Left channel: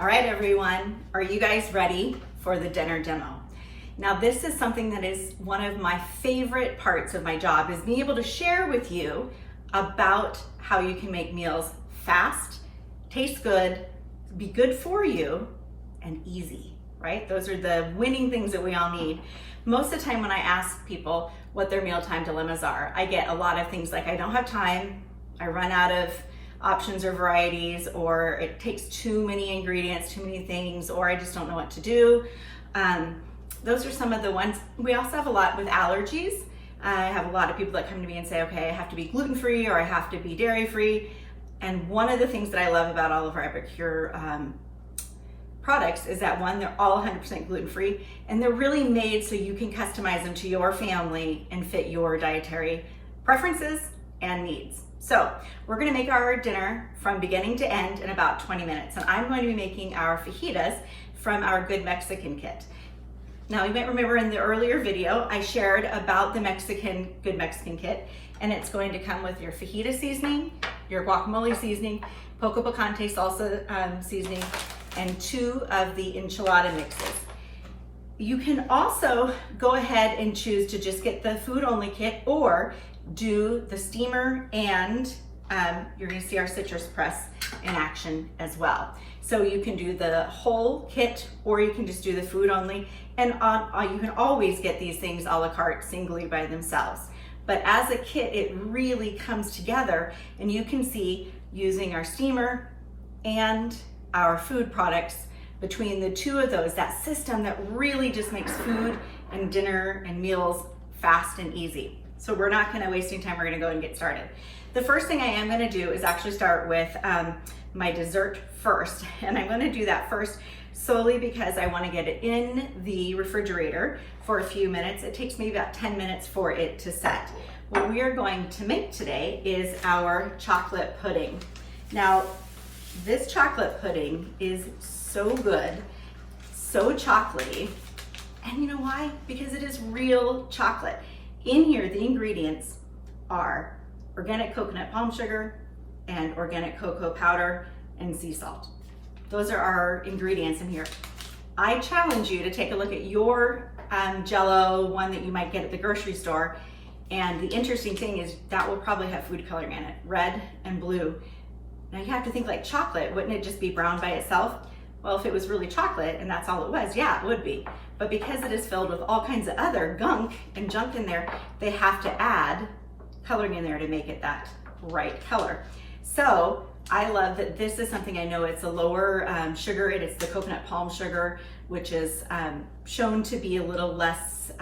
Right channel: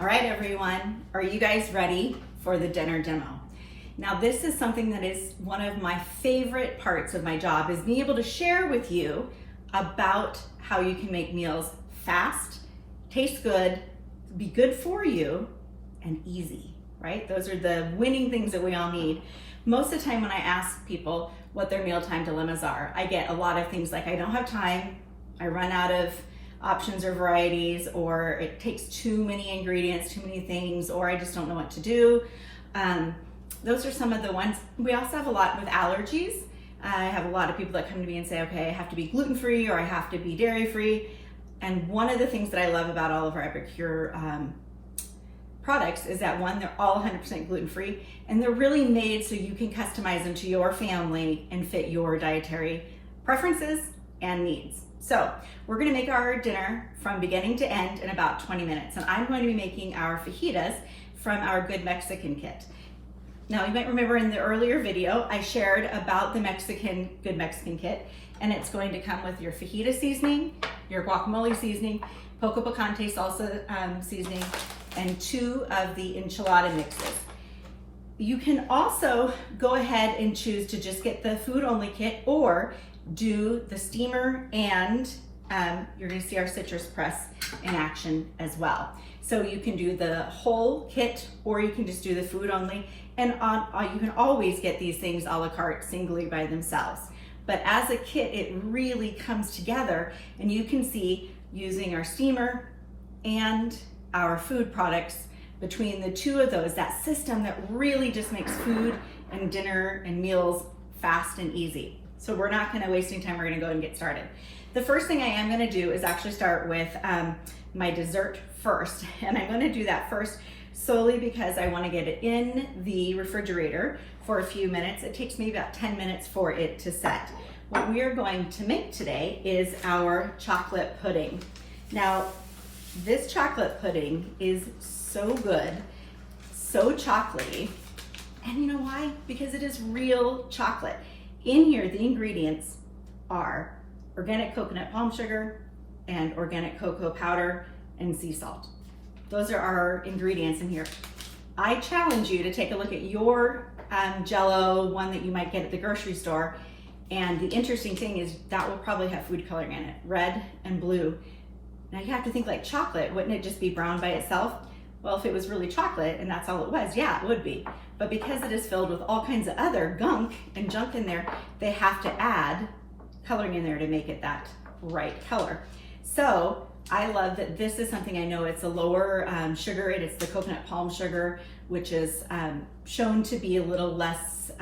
All right, everyone, are you guys ready for the dinner demo? Now, this is something that is one of my favorite parts of my job, is being able to share with you about how you can make meals fast, taste good, be good for you, and easy, right? Those are the winning things that we all need. Most of the time when I ask people what their mealtime dilemmas are, I get a lot of things like, I don't have time, I run out of options or varieties, or it takes too many ingredients, too many things, or I just don't know what to do. Those are some of the ones. We also have a lot with allergies. I have a lot of people that come to me and say, okay, I have to be gluten-free or I have to be dairy-free. And one of the things that I love about all of our Epicure products is that, one, they're all 100% gluten-free, and they're really made so you can customize them to your family and fit your dietary preferences and needs. So we're gonna make our dinner from beginning to end in about 20 minutes. And I'm going to be making our fajitas from our Good Mexican kit. Now, you might remember in the earlier video, I shared about the Good Mexican kit, and it's going to come with your fajita seasoning, your guacamole seasoning, poco picante salsa seasoning, and 2 of the enchilada mixes. You can also go ahead and choose to just get the food only kit, or do the steamer, and you're gonna see our citrus press in action as well. So you can do the whole kit, or you can just do the food only. And you can always get these things a la carte singly by themselves. But as a kit, it really comes together, and you can see using our steamer and our food products, between the 2 of those, that system that really just makes food and dinner and meals fast and easy. So we're not gonna waste any time, we're gonna go and get started. The first thing I am gonna do is actually start with my dessert first. And I'm gonna do that first solely because I wanna get it in the refrigerator for a few minutes. It takes me about 10 minutes for it to set. What we are going to make today is our chocolate pudding. Now, this chocolate pudding is so good, so chocolatey. And you know why? Because it is real chocolate. In here, the ingredients are organic coconut palm sugar and organic cocoa powder and sea salt. Those are our ingredients in here. I challenge you to take a look at your Jell-O, one that you might get at the grocery store. And the interesting thing is that will probably have food coloring in it, red and blue. Now you have to think, like chocolate, wouldn't it just be brown by itself? Well, if it was really chocolate and that's all it was, yeah, it would be. But because it is filled with all kinds of other gunk and junk in there, they have to add coloring in there to make it that right color. So I love that this is something, I know it's a lower sugar, and it's the coconut palm sugar, which is shown to be a little less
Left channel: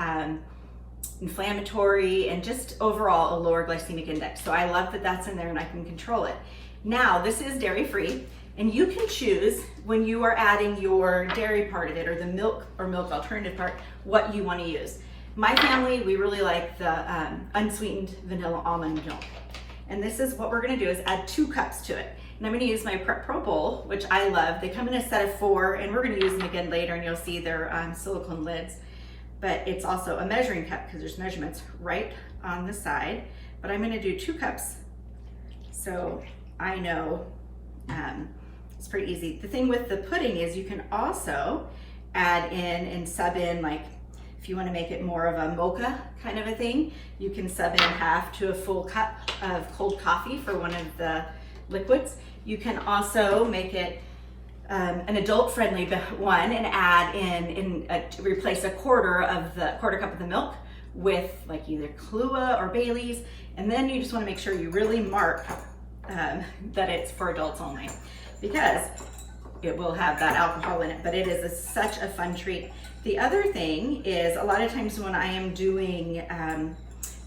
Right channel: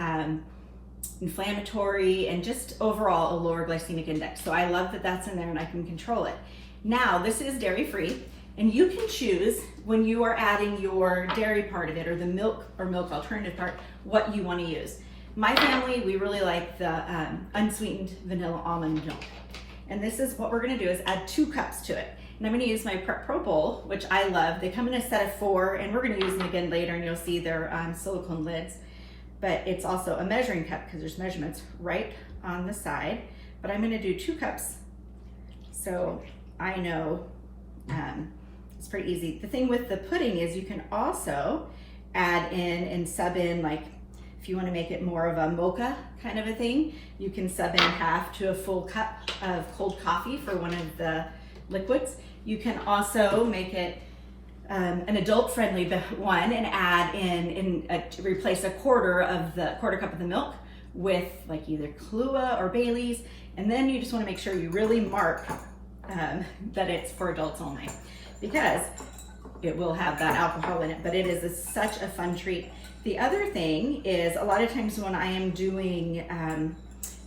inflammatory and just overall a lower glycemic index. So I love that that's in there and I can control it. Now, this is dairy-free, and you can choose when you are adding your dairy part of it, or the milk or milk alternative part, what you want to use. My family, we really like the unsweetened vanilla almond milk. And this is what we're gonna do, is add 2 cups to it. And I'm gonna use my Prep Pro bowl, which I love. They come in a set of 4, and we're gonna use them again later, and you'll see they're silicone lids. But it's also a measuring cup because there's measurements right on the side. But I'm gonna do 2 cups, so I know it's pretty easy. The thing with the pudding is you can also add in and sub in, like if you want to make it more of a mocha kind of a thing, you can sub in half to a full cup of cold coffee for one of the liquids. You can also make it an adult-friendly one and add in replace a quarter cup of the milk with like either Kahlua or Bailey's, and then you just want to make sure you really mark that it's for adults only, because it will have that alcohol in it, but it is such a fun treat. The other thing is, a lot of times when I am doing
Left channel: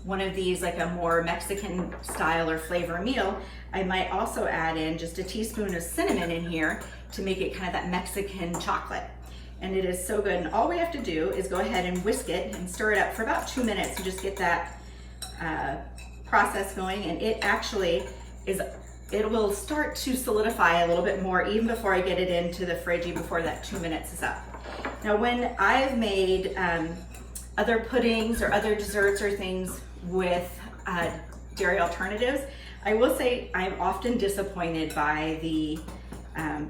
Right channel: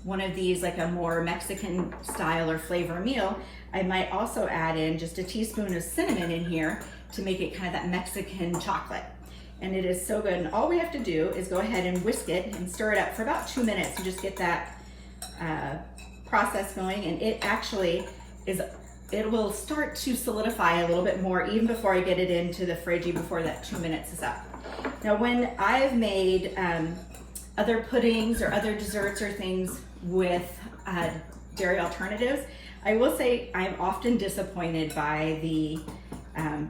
one of these, like a more Mexican style or flavor meal, I might also add in just a teaspoon of cinnamon in here to make it kind of that Mexican chocolate. And it is so good. And all we have to do is go ahead and whisk it and stir it up for about 2 minutes to just get that process going. And it actually it will start to solidify a little bit more even before I get it into the fridge, even before that 2 minutes is up. Now, when I've made other puddings or other desserts or things with dairy alternatives, I will say I'm often disappointed by the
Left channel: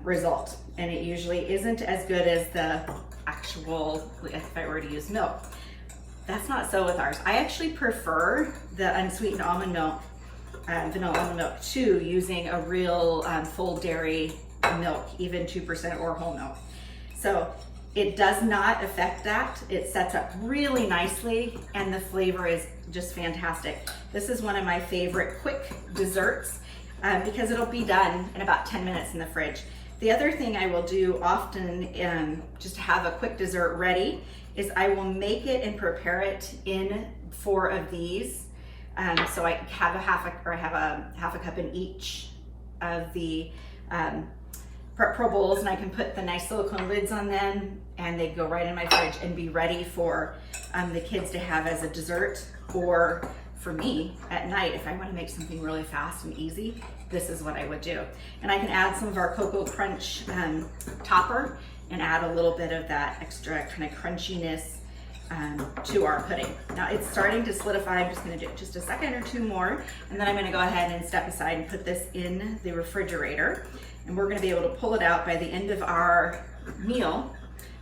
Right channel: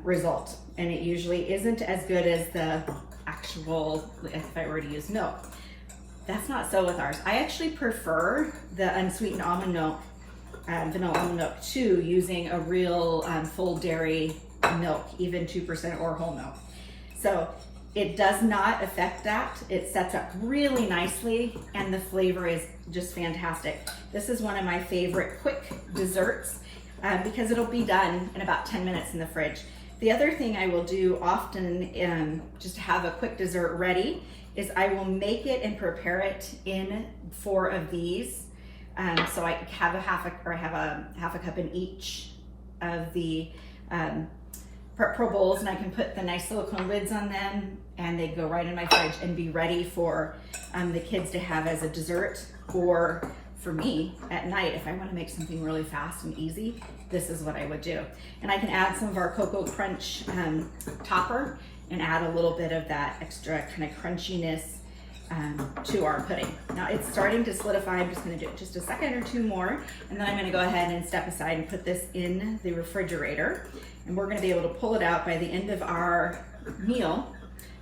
result. And it usually isn't as good as the actual, if I were to use milk. That's not so with ours. I actually prefer the unsweetened almond milk, vanilla almond milk, to using a real full dairy milk, even 2% or whole milk. So it does not affect that. It sets up really nicely and the flavor is just fantastic. This is one of my favorite quick desserts because it'll be done in about 10 minutes in the fridge. The other thing I will do often just to have a quick dessert ready is I will make it and prepare it in 4 of these. So I have a half a cup in each of the Pro bowls, and I can put the nice silicone lids on them and they'd go right in my fridge and be ready for the kids to have as a dessert, or for me at night if I want to make something really fast and easy. This is what I would do. And I can add some of our Cocoa Crunch topper and add a little bit of that extra kind of crunchiness to our pudding. Now it's starting to solidify. I'm just going to do it just a second or 2 more, and then I'm going to go ahead and step aside and put this in the refrigerator. And we're going to be able to pull it out by the end of our meal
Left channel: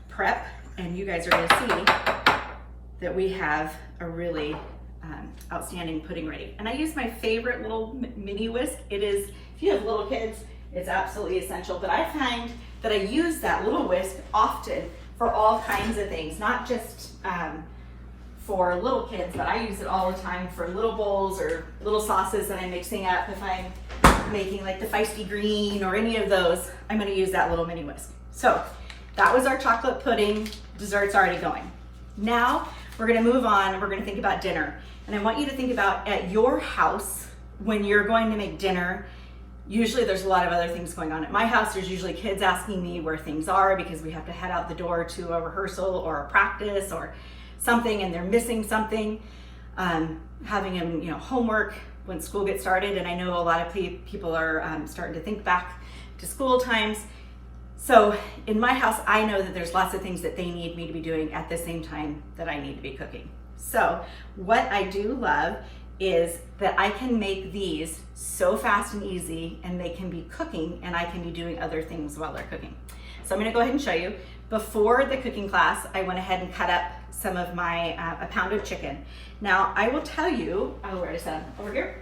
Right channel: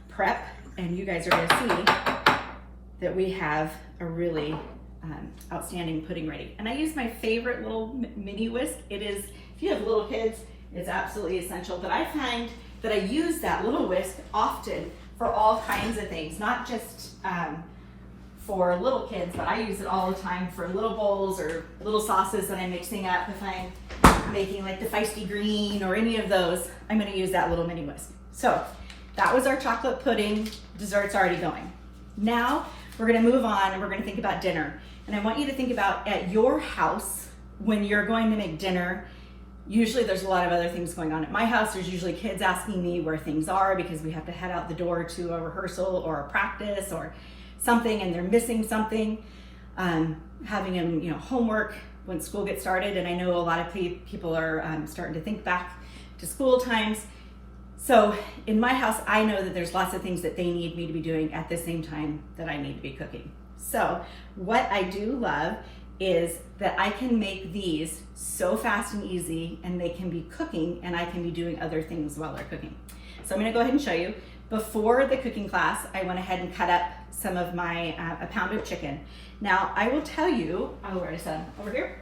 prep, and you guys are going to see that we have a really outstanding pudding ready. And I use my favorite little mini whisk. It is, if you have little kids, it's absolutely essential, but I find that I use that little whisk often for all kinds of things, not just for little kids, but I use it all the time for little bowls or little sauces that I'm mixing up. If I'm making like the feisty green or any of those, I'm going to use that little mini whisk. So that was our chocolate pudding. Dessert's already going. Now we're going to move on and we're going to think about dinner. And I want you to think about at your house when you're going to make dinner. Usually there's a lot of other things going on. At my house, there's usually kids asking me where things are because we have to head out the door to a rehearsal or a practice or something, and they're missing something, having them, homework when school gets started. And I know a lot of people are starting to think back to school times. So in my house, I know that there's lots of things that they need me to be doing at the same time that I need to be cooking. So what I do love is that I can make these so fast and easy, and they can be cooking and I can be doing other things while they're cooking. So I'm gonna go ahead and show you. Before the cooking class, I went ahead and cut up some of my, a pound of chicken. Now I will tell you, where is that? Over here.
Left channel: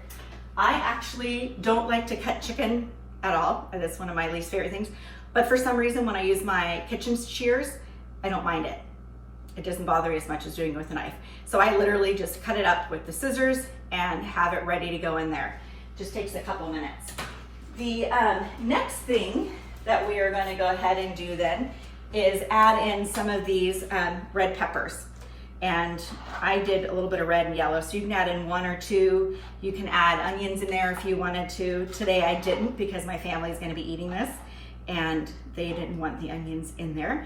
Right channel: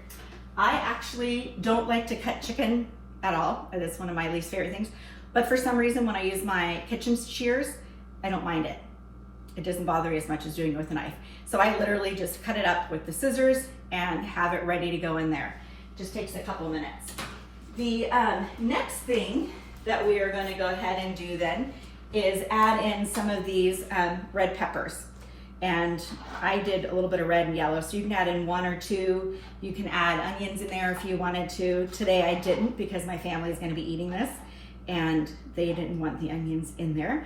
I actually don't like to cut chicken at all. That's one of my least favorite things. But for some reason, when I use my kitchen shears, I don't mind it. It doesn't bother me as much as doing it with a knife. So I literally just cut it up with the scissors and have it ready to go in there. Just takes a couple of minutes. The next thing that we are going to go ahead and do then is add in some of these red peppers. And I did a little bit of red and yellow, so you can add in 1 or 2. You can add onions in there if you wanted to. Today I didn't because my family is going to be eating this and they didn't want the onions in there.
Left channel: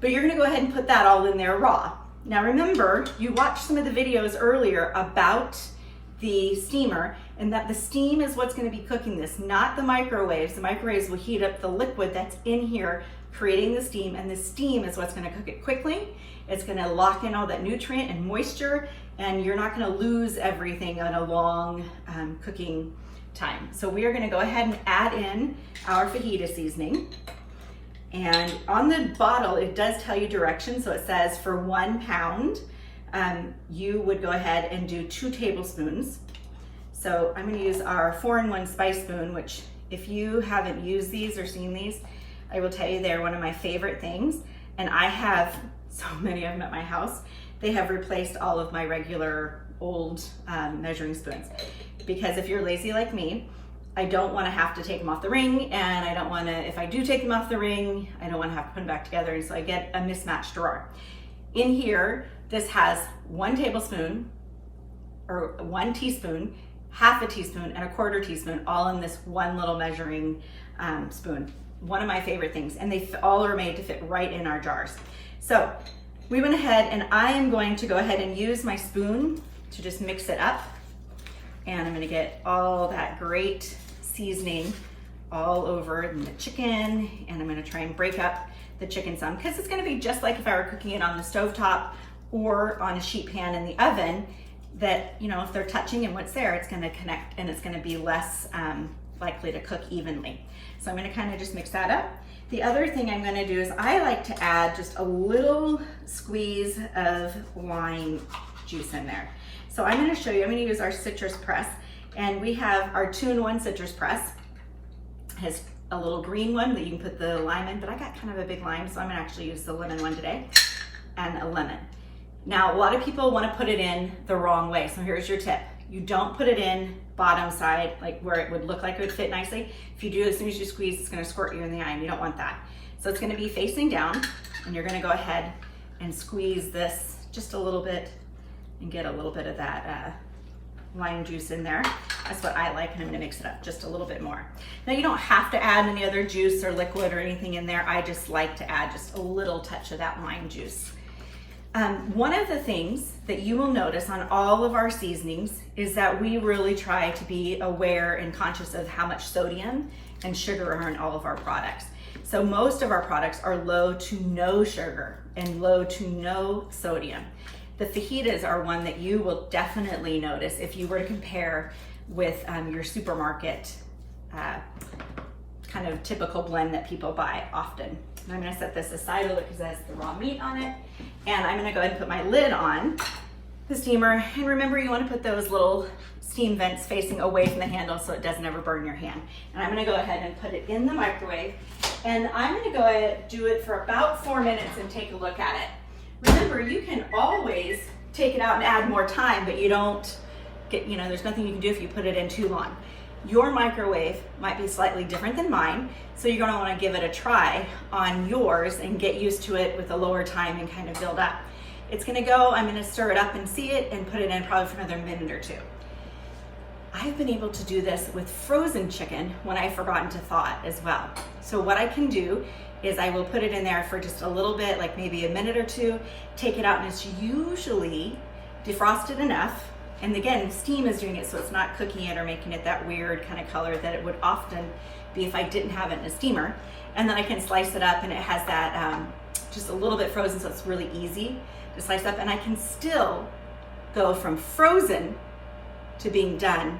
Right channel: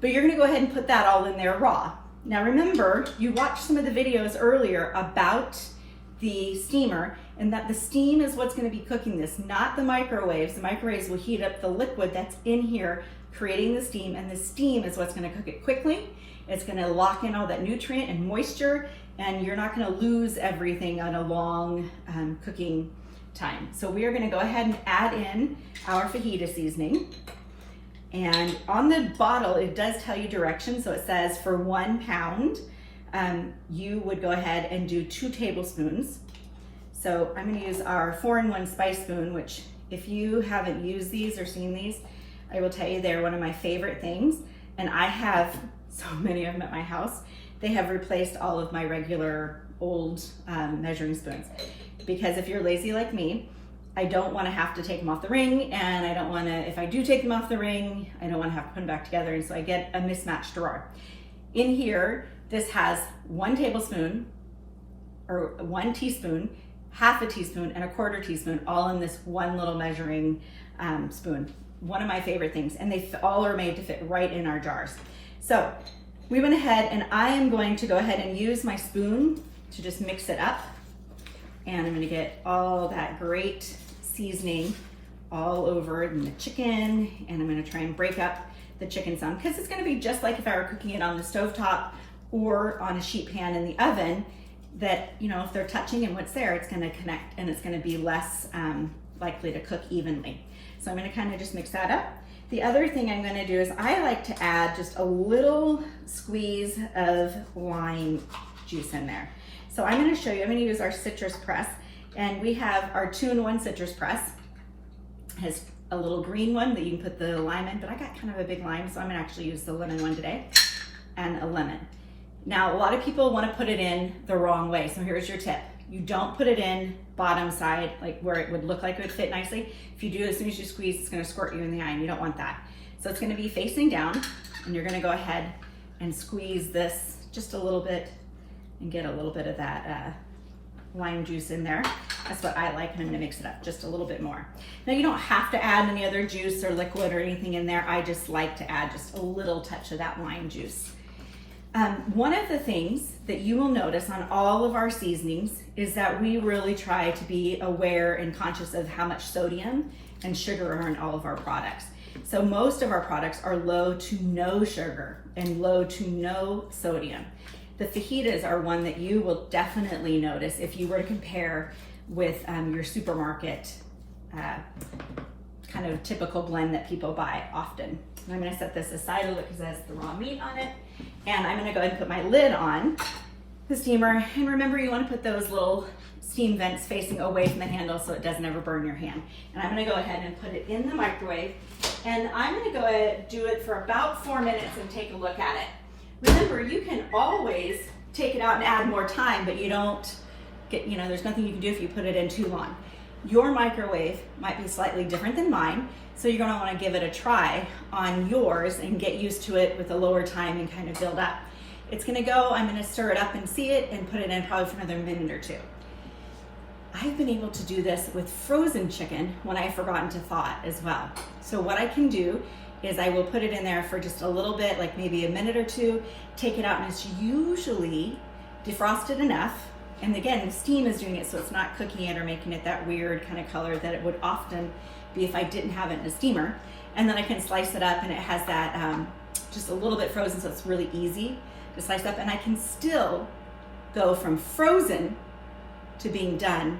But you're going to go ahead and put that all in there raw. Now remember, you watched some of the videos earlier about the steamer, and that the steam is what's going to be cooking this, not the microwaves. The microwaves will heat up the liquid that's in here, creating the steam, and the steam is what's going to cook it quickly. It's going to lock in all that nutrient and moisture, and you're not going to lose everything on a long cooking time. So we are going to go ahead and add in our fajita seasoning. And on the bottle, it does tell you directions. So it says for 1 pound, you would go ahead and do 2 tablespoons. So I'm going to use our 4-in-1 spice spoon, which if you haven't used these or seen these, I will tell you they're one of my favorite things. And I have so many of them at my house. They have replaced all of my regular old measuring spoons. Because if you're lazy like me, I don't want to have to take them off the ring, and I don't want to, if I do take them off the ring, I don't want to have to put them back together, and so I get a mismatched drawer. In here, this has 1 tablespoon, or 1 teaspoon, half a teaspoon, and a 1/4 teaspoon, all in this one little measuring spoon. One of my favorite things, and they all are made to fit right in our jars. So we went ahead, and I am going to go ahead and use my spoon to just mix it up, and I'm going to get all that great seasoning all over in the chicken, and I'm going to try and break up the chicken some, because it's going to be just like if I were cooking it on the stovetop or on a sheet pan in the oven, that, if they're touching and what's there, it's going to connect and it's going to be less likely to cook evenly. So I'm going to kind of just mix that up. The other thing I'm gonna do is I like to add just a little squeeze of lime juice in there. So I'm gonna show you, I'm gonna use our citrus press, and we have our 2-in-1 citrus press. It has a little green one that you can put the lime in, but I got kind of a big lime, so I'm gonna actually use the lemon one today, and a lemon. Now, a lot of people wanna put it in the wrong way, so here's your tip. You don't put it in bottom side, like where it would look like it would fit nicely. If you do, as soon as you squeeze, it's gonna squirt you in the eye, and you don't want that. So it's gonna be facing down, and you're gonna go ahead and squeeze this just a little bit and get a little bit of that lime juice in there. That's what I like, and I'm gonna mix it up just a little bit more. Now, you don't have to add any other juice or liquid or anything in there. I just like to add just a little touch of that lime juice. One of the things that you will notice on all of our seasonings is that we really try to be aware and conscious of how much sodium and sugar are in all of our products. So most of our products are low to no sugar and low to no sodium. The fajitas are one that you will definitely notice if you were to compare with your supermarket kind of typical blend that people buy often. And I'm gonna set this aside a little because it has the raw meat on it. And I'm gonna go ahead and put my lid on the steamer. And remember, you wanna put those little steam vents facing away from the handle so it doesn't ever burn your hand. And I'm gonna go ahead and put it in the microwave. And I'm gonna go ahead and do it for about 4 minutes and take a look at it. Remember, you can always take it out and add more time, but you don't get, there's nothing you can do if you put it in too long. Your microwave might be slightly different than mine, so you're gonna wanna give it a try on yours and get used to it with a lower time and kind of build up. It's gonna go, I'm gonna stir it up and see it and put it in probably for another minute or two. I've been able to do this with frozen chicken when I've forgotten to thaw it as well. So what I can do is I will put it in there for just a little bit, like maybe a minute or two, take it out, and it's usually defrosted enough. And again, the steam is doing it, so it's not cooking it or making it that weird kind of color that it would often be if I didn't have it in a steamer. And then I can slice it up, and it has that just a little bit frozen, so it's really easy to slice up. And I can still go from frozen to being done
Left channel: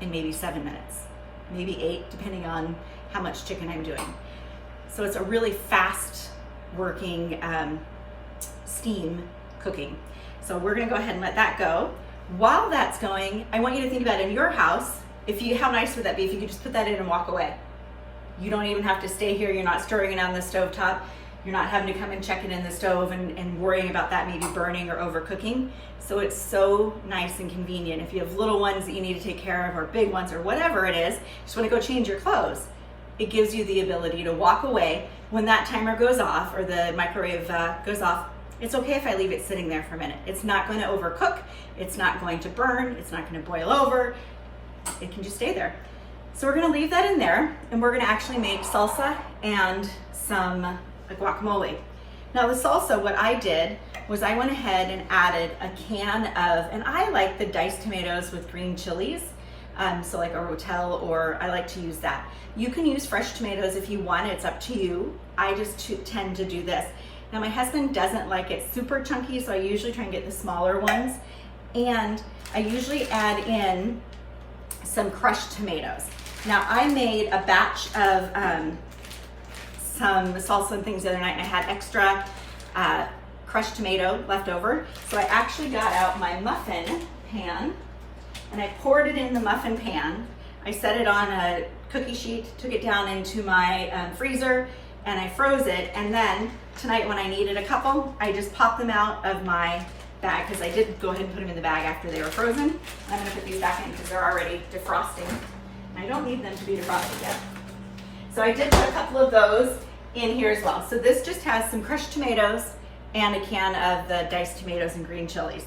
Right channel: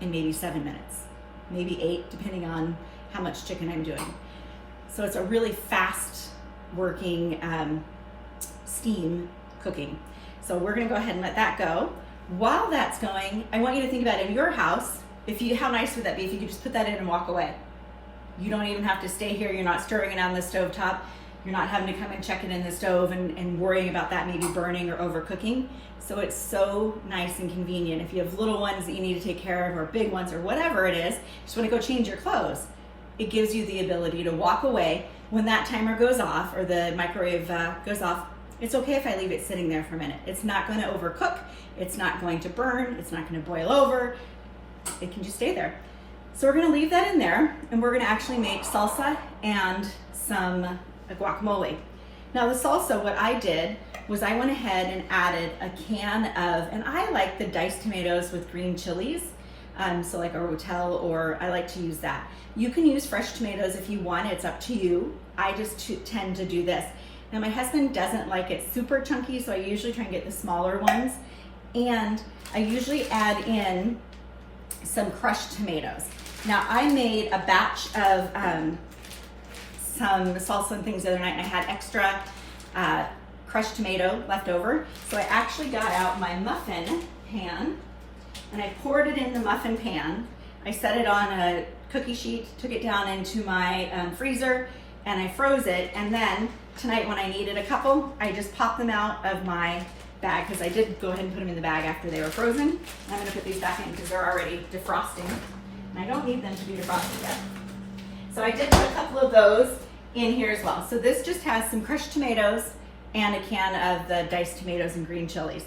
in maybe 7 minutes, maybe 8, depending on how much chicken I'm doing. So it's a really fast working steam cooking. So we're gonna go ahead and let that go. While that's going, I want you to think about in your house, how nice would that be if you could just put that in and walk away? You don't even have to stay here, you're not stirring it on the stovetop, you're not having to come and check it in the stove and worrying about that maybe burning or overcooking. So it's so nice and convenient. If you have little ones that you need to take care of or big ones or whatever it is, just wanna go change your clothes. It gives you the ability to walk away when that timer goes off or the microwave goes off. It's okay if I leave it sitting there for a minute. It's not going to overcook. It's not going to burn. It's not going to boil over. It can just stay there. So we're going to leave that in there, and we're going to actually make salsa and some guacamole. Now the salsa, what I did was I went ahead and added a can of, and I like the diced tomatoes with green chilies. So like a rotel, or I like to use that. You can use fresh tomatoes if you want, it's up to you. I just tend to do this. Now my husband doesn't like it super chunky, so I usually try and get the smaller ones. And I usually add in some crushed tomatoes. Now I made a batch of some salsa and things the other night, and I had extra crushed tomato left over. So I actually got out my muffin pan, and I poured it in the muffin pan. I set it on a cookie sheet, took it down into my freezer, and I froze it. And then tonight when I needed a couple, I just popped them out of my bag, because I did go ahead and put them in the bag after they were frozen. I'm gonna put these back in because they're already defrosting, and I don't need them to be defrosted yet. So I did put a couple of those in here as well. So this just has some crushed tomatoes and a can of the diced tomatoes and green chilies.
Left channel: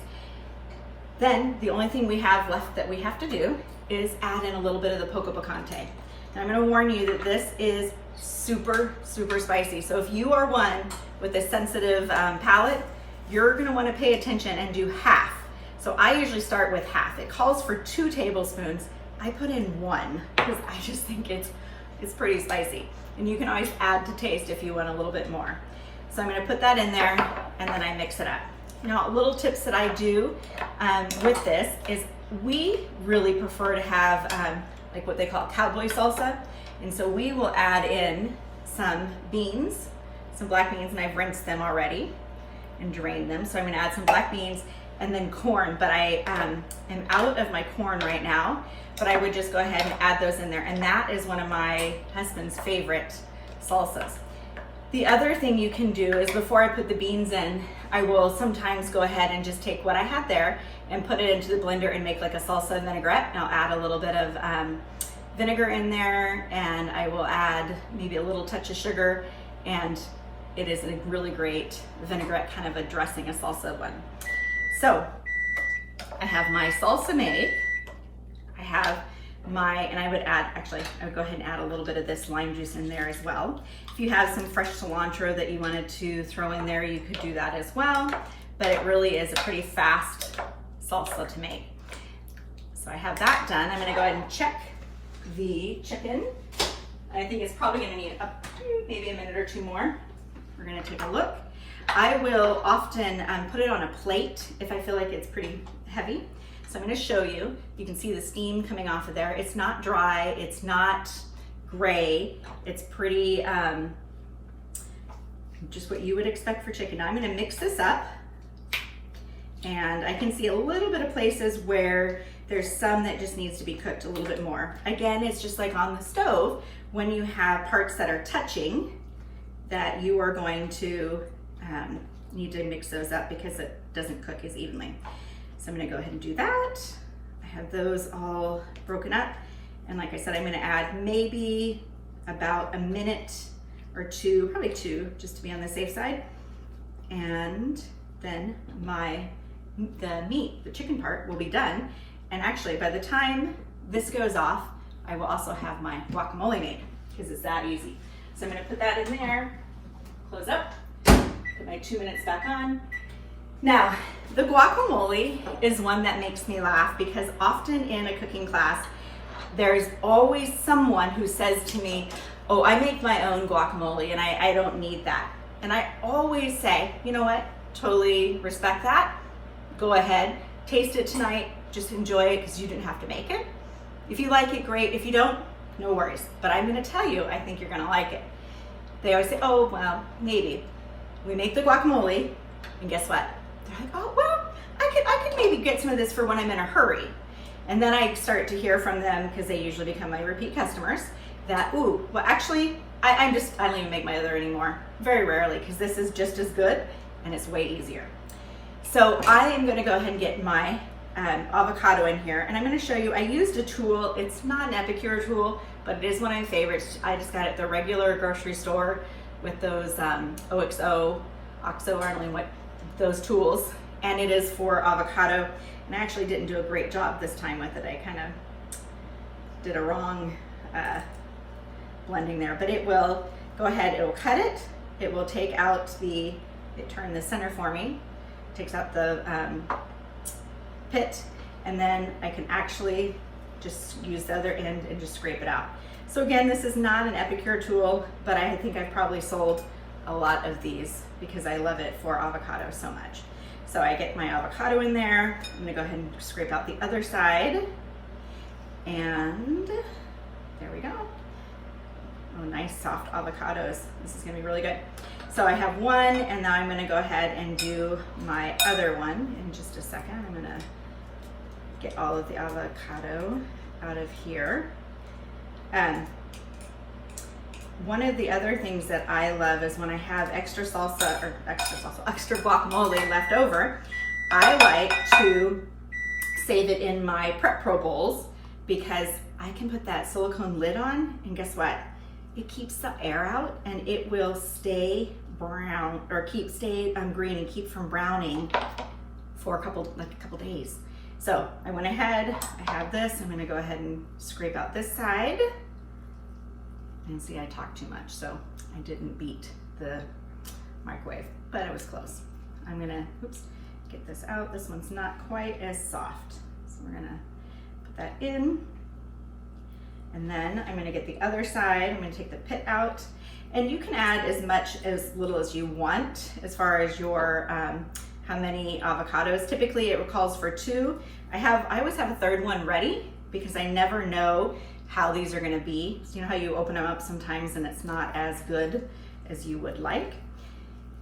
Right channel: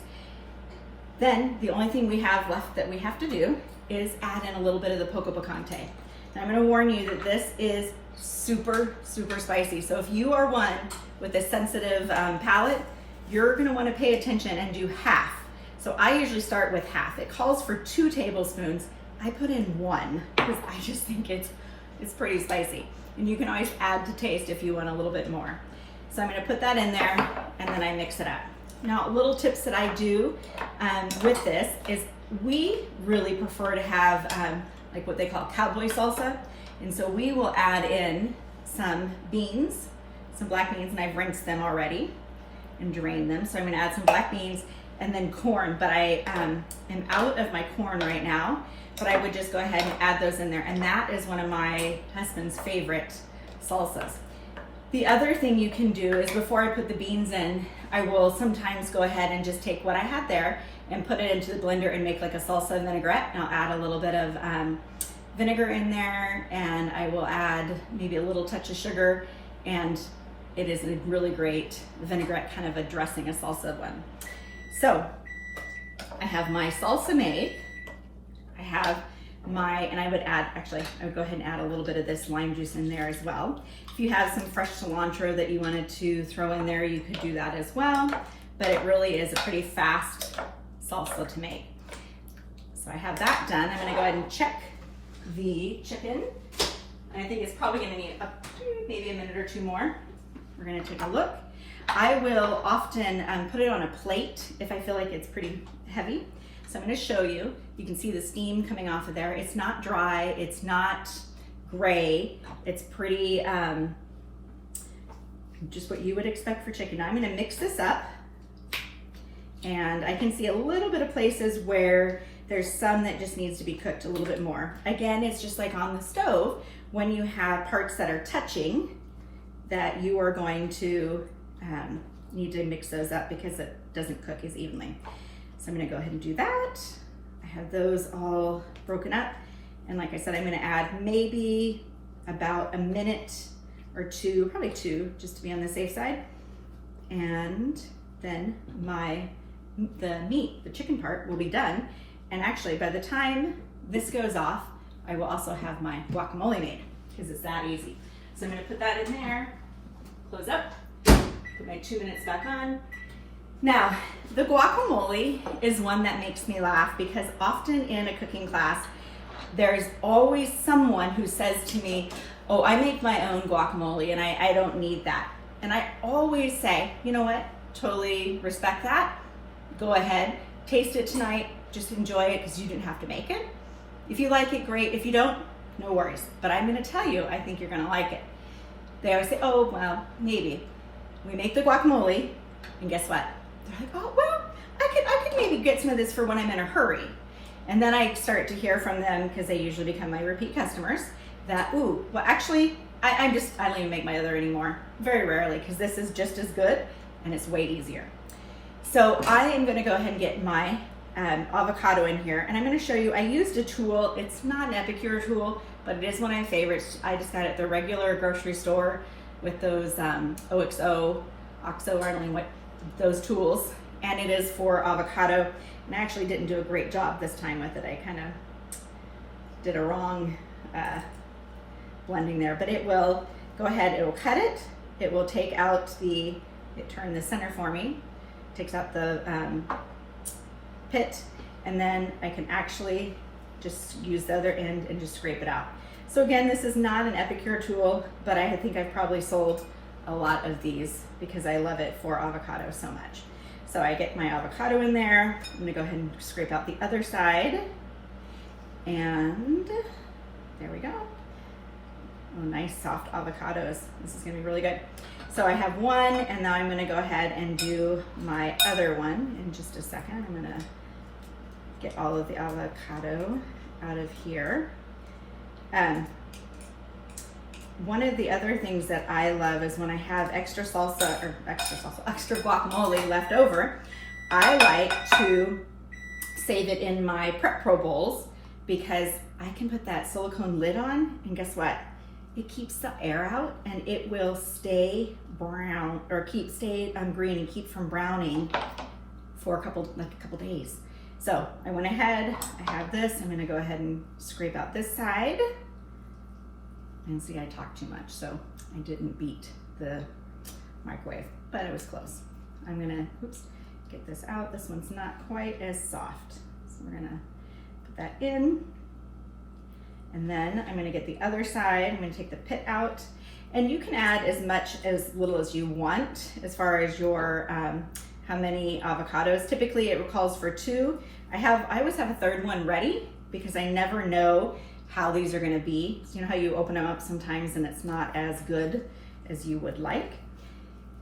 Then the only thing we have left that we have to do is add in a little bit of the poco picante. Now I'm gonna warn you that this is super, super spicy. So if you are one with a sensitive palate, you're gonna wanna pay attention and do half. So I usually start with half. It calls for 2 tablespoons. I put in 1 because I just think it's pretty spicy. And you can always add to taste if you want a little bit more. So I'm gonna put that in there, and then I mix it up. Now, little tips that I do with this is we really prefer to have like what they call cowboy salsa. And so we will add in some beans, some black beans, and I've rinsed them already and drained them. So I'm gonna add some black beans and then corn, but I am out of my corn right now, but I would just go ahead and add those in there. And that is one of my husband's favorite salsas. The other thing you can do is before I put the beans in, I will sometimes go ahead and just take what I had there and put it into the blender and make like a salsa vinaigrette. And I'll add a little bit of vinegar in there, and I will add maybe a little touch of sugar, and it is a really great vinaigrette, kind of a dressing, a salsa one. So I have my salsa made. I have my, and I would add, actually, I would go ahead and add a little bit of this lime juice in there as well. If you have some fresh cilantro that you wanted to throw in there, you could do that as well. But it really is a pretty fast salsa to make. So I have that done. I'm gonna go ahead and check the chicken. I think it's probably gonna need maybe a minute or two more. We're gonna take a look. I will often put it on a plate if I feel like it's pretty heavy. So I'm gonna show you. You can see the steam coming off of there. It's not dry, it's not gray. It's pretty, just what you would expect for chicken. Now I'm gonna mix this up, and I can see a little bit of places where there's some that just needs to be cooked a little bit more. Again, it's just like on the stove, when you have parts that are touching, that you are going to need to mix those up because it doesn't cook as evenly. So I'm gonna go ahead and do that. I have those all broken up. And like I said, I'm gonna add maybe about a minute or two, probably two, just to be on the safe side. And then the meat, the chicken part, will be done. And actually, by the time this goes off, I will also have my guacamole made, because it's that easy. So I'm gonna put that in there, close up, put my 2 minutes back on. Now, the guacamole is one that makes me laugh, because often in a cooking class, there's always someone who says to me, oh, I make my own guacamole and I don't need that. And I always say, you know what, totally respect that. Go ahead, taste it tonight, just enjoy it because you didn't have to make it. If you like it, great. If you don't, no worries. But I'm gonna tell you, I think you're gonna like it. They always say, oh, well, maybe. We make the guacamole, and guess what? They're like, oh, well, I could maybe get some of this for when I'm in a hurry. And then I start to hear from them, because they usually become my repeat customers, that, ooh, well, actually, I don't even make my other anymore. Very rarely, because this is just as good, and it's way easier. So I am gonna go ahead and get my avocado in here, and I'm gonna show you, I used a tool. It's not an Epicure tool, but it is one of my favorites. I just got it at the regular grocery store with those OXO, I don't know what, those tools, and it is for avocado. And I actually didn't do a great job this time with it. I kind of did a wrong blending there, but it will go ahead, it will cut it. It will take out it turned the center for me, takes out the pit, and then I can actually just use the other end and just scrape it out. So again, this is not an Epicure tool, but I think I've probably sold a lot of these because I love it for avocado so much. So I get my avocado in there. I'm gonna go ahead and scrape out the other side. And there we go. Oh, nice soft avocados. This is gonna be really good. So I have one, and now I'm gonna go ahead and do my other one in just a second. I'm gonna get all of the avocado out of here. One of the other things that I love is when I have extra guacamole left over, I like to save it in my Prep Pro bowls, because I can put that silicone lid on, and guess what? It keeps the air out, and it will stay brown, or stay green and keep from browning for a couple days. So I went ahead, I have this, I'm gonna go ahead and scrape out this side. And see, I talked too much, so I didn't beat the microwave, but it was close. I'm gonna, get this out. This one's not quite as soft. So we're gonna put that in. And then I'm gonna get the other side. I'm gonna take the pit out. And you can add as little as you want as far as your, how many avocados. Typically it calls for 2. I always have a third one ready, because I never know how these are gonna be. So you know how you open them up sometimes and it's not as good as you would like.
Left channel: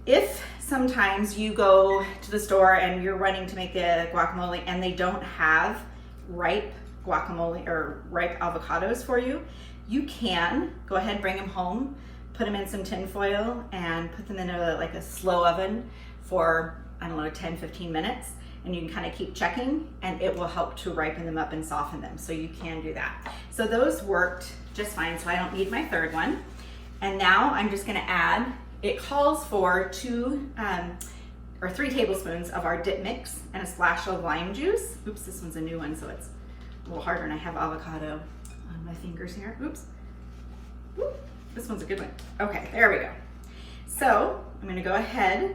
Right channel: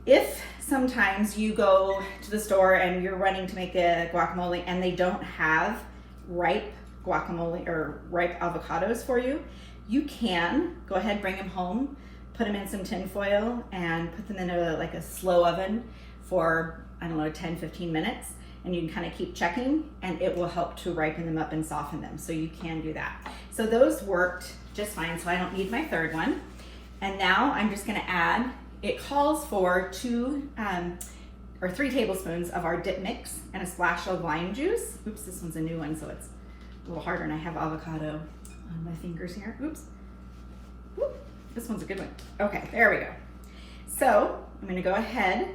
If sometimes you go to the store and you're running to make a guacamole and they don't have ripe guacamole or ripe avocados for you, you can go ahead, bring them home, put them in some tin foil and put them in like a slow oven for, I don't know, 10, 15 minutes. And you can kind of keep checking and it will help to ripen them up and soften them. So you can do that. So those worked just fine. So I don't need my third one. And now I'm just gonna add, it calls for 2 or 3 tablespoons of our dip mix and a splash of lime juice. Oops, this one's a new one, so it's a little harder and I have avocado on my fingers here. Oops. Whoop. This one's a good one. Okay, there we go. So I'm gonna go ahead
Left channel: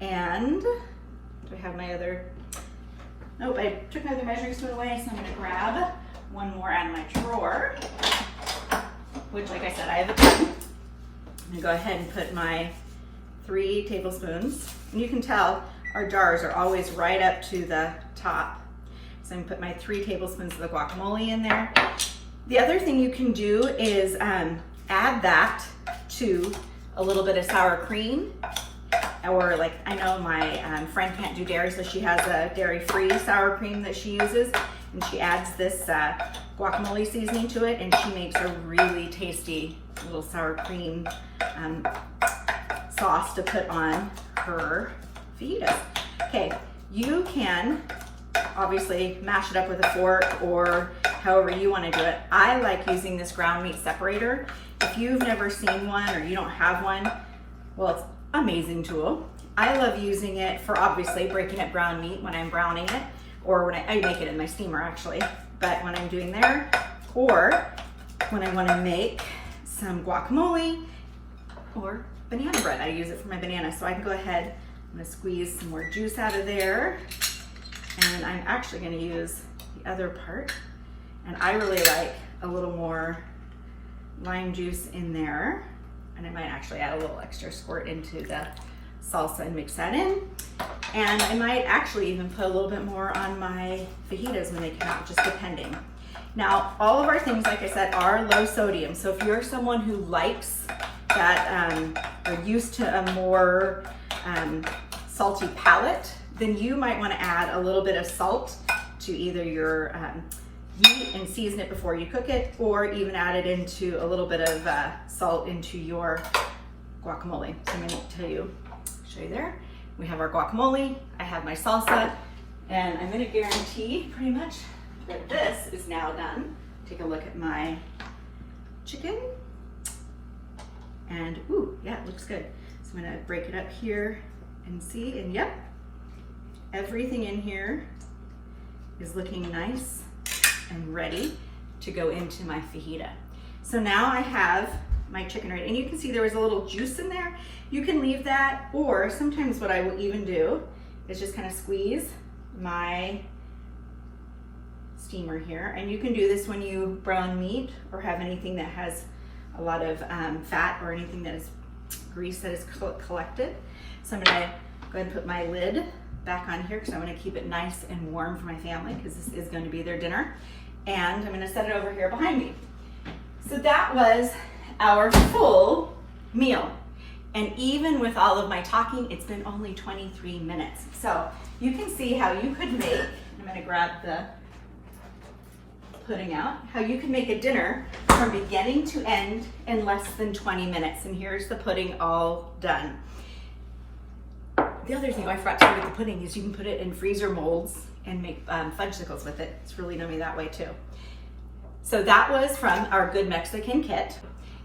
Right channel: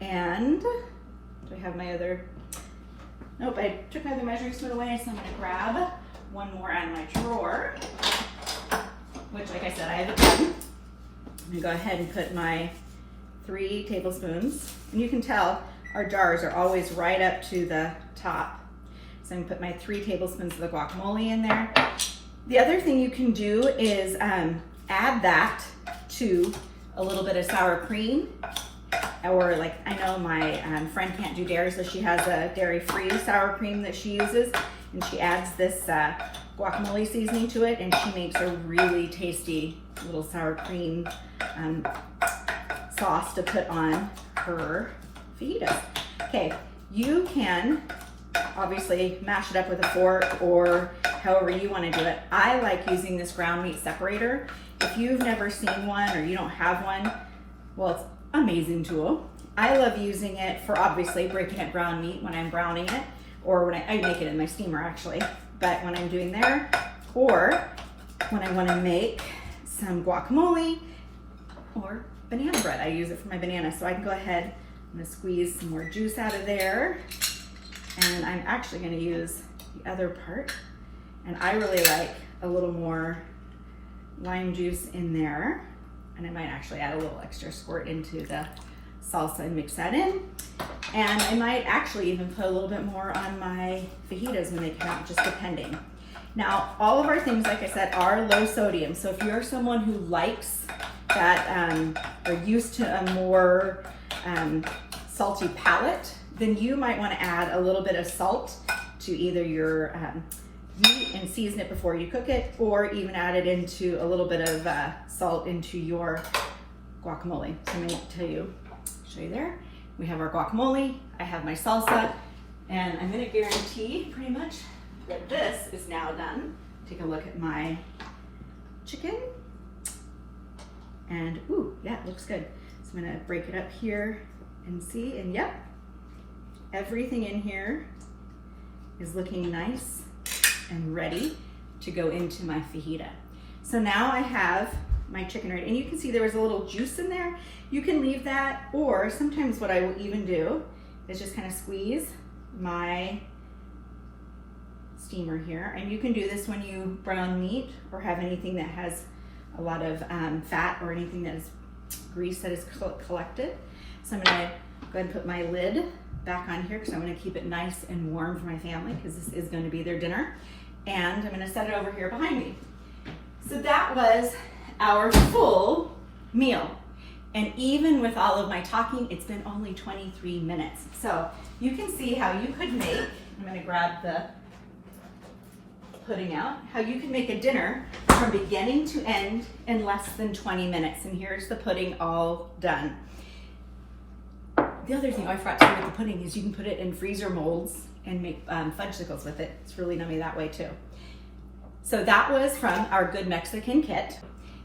and, do I have my other, nope, I took my other measuring spoon away, so I'm gonna grab one more out of my drawer, which, like I said, I have a pen. I'm gonna go ahead and put my 3 tablespoons, and you can tell our jars are always right up to the top. So I'm gonna put my 3 tablespoons of the guacamole in there. The other thing you can do is add that to a little bit of sour cream, or like, I know my friend can't do dairy, so she has a dairy-free sour cream that she uses, and she adds this guacamole seasoning to it, and she makes a really tasty little sour cream sauce to put on her fajitas. Okay, you can obviously mash it up with a fork or however you want to do it. I like using this ground meat separator. If you've never seen one or you don't have one, well, it's an amazing tool. I love using it for obviously breaking up ground meat when I'm browning it, or when I make it in my steamer actually, but when I'm doing there, or when I want to make some guacamole or banana bread. I use it for my banana, so I can go ahead, I'm gonna squeeze some more juice out of there, and I'm actually gonna use the other part, and I really like a little more lime juice in there, and I might actually add a little extra squirt into the salsa and mix that in, and I might actually even put a little bit more on my fajitas when they come out, just depending. Now, all of our things, like I said, are low sodium, so if you're someone who likes that, are used to a more salty palate, then you might want to add a little bit of salt to either your meat and season it before you cook it, or even add it into a little bit of salt into your guacamole. So I'm going to show you there. We have our guacamole, I have my salsa, and I'm going to guarantee pretty much that this is now done. Take a look at my chicken. And ooh, yeah, it looks good. So I'm gonna break it up here and see, and yep, everything in here is looking nice and ready to go into my fajita. So now I have my chicken ready, and you can see there was a little juice in there. You can leave that, or sometimes what I will even do is just kind of squeeze my steamer here, and you can do this when you brown meat or have anything that has a lot of fat or anything that is grease that is collected. So I'm gonna go ahead and put my lid back on here because I'm gonna keep it nice and warm for my family because this is going to be their dinner. And I'm gonna set it over here behind me. So that was our full meal. And even with all of my talking, it's been only 23 minutes. So you can see how you could make, I'm gonna grab the pudding out, how you can make a dinner from beginning to end in less than 20 minutes. And here's the pudding all done. The other thing I forgot to do with the pudding is you can put it in freezer molds and make fudgesicles with it. It's really yummy that way too. So that was from our Good Mexican kit.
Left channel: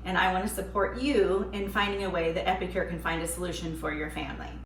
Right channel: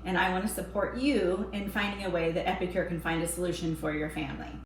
And I want to support you in finding a way that Epicure can find a solution for your family.